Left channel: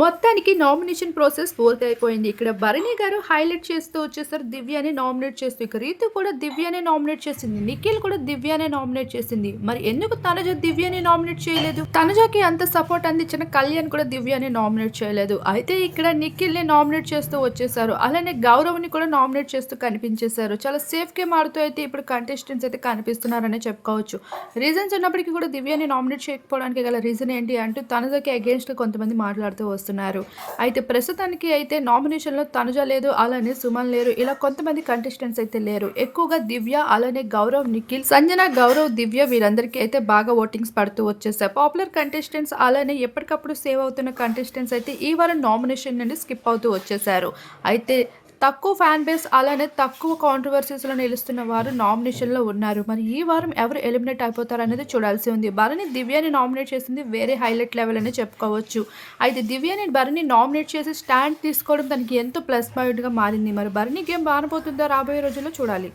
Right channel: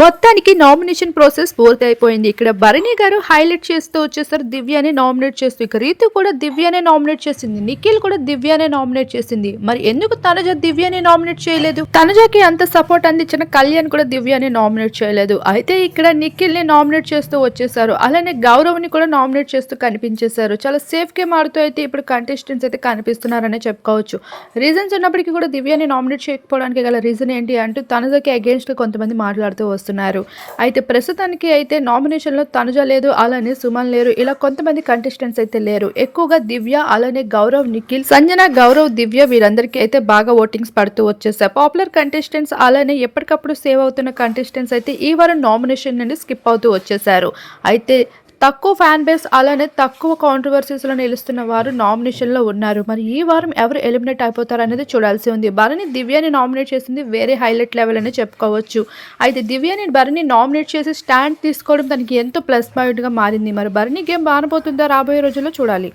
మొత్తానికి nomination process పూర్తి అయిపోయింది ఇక్కడ భరణి గారు హైలైట్ చేస్తూ వచ్చేసరి. దివ్యాని నామినేట్ చేస్తూ ఇక రీతు కూడా దివ్యానే నామినేట్ చేసింది. నిఖిల్ కూడా దివ్యానే నామినేట్ చేసింది. మరి ఎందుకు తనుజ దివ్యాని నామినేట్ చేయలేదు? తనుజకి అంత సపోర్ట్ అందించిన కళ్యాణ్ కూడా దివ్యాని నామినేట్ చేయలేదు. అయితే ఇక్కడ నిఖిల్ని నామినేట్ చేస్తూ వచ్చేసారు. అలానే గౌరవ్ని కూడా నామినేట్ చేస్తూ కనిపించేశారు. చాలా సేఫ్ గేమ్ ఆడుతూ అయితే ఇప్పుడు కంటెస్టెంట్స్ అయితే కనిపిస్తున్నారనే చెప్పుకోవచ్చు. రీజన్స్ ఉన్నప్పటికీ కూడా దివ్యాని నామినేట్ చేయకపోవడానికి గల రీజన్ ఏంటి అంటూ తనుజకి అగేన్స్ట్గా కొంతమంది మాట్లాడుతూ వస్తున్నారు. అయితే ప్రస్తుతానికి అయితే నామినేషన్లో తనుజ లేదు అలానే సుమన్ లేరు. ఇలా కొంతమంది కంటెస్టెంట్స్ అయితే లేరు. ఎక్కువగా దివ్య అలానే గౌరవ్ నిఖిల్ సంజన గౌరవ్ దివ్య వీరందరికీ అయితే బాగా ఓటింగ్స్ పడుతూ వచ్చేసాయి. పాపులర్ కంటెస్టెంట్స్ అలానే ఎప్పటికప్పుడు సేవ్ అవుతున్న కంటెస్టెంట్స్ అయితే ఈ వారం నామినేషన్ నుండి స్కిప్ అవుతూ వచ్చేసారు. అయితే తక్కువ ఫ్యాన్ బేస్ అలానే తక్కువ కాంట్రవర్సీస్లో నిలుస్తున్న వారు నామినేషన్లో ఉన్నారు. మరి ఈ వారం ఎవరు ఎలిమినేట్ అయిపోతారు అనేది చూడాల్సి ఉంది. భరణి దివ్యాని నామినేట్ చేసింది వేరే హైలైట్ లెవెల్ అని చెప్పుకోవచ్చు. అయితే దివ్యాని భరణి నామినేట్ చేసి స్టాండ్ తీసుకోవడం తనకి ఎంతో ప్లస్ పాయింట్గా మారింది. మరి భరణి గేమ్ బానపోతుందో రాబోయే రోజుల్లో చూడాలి.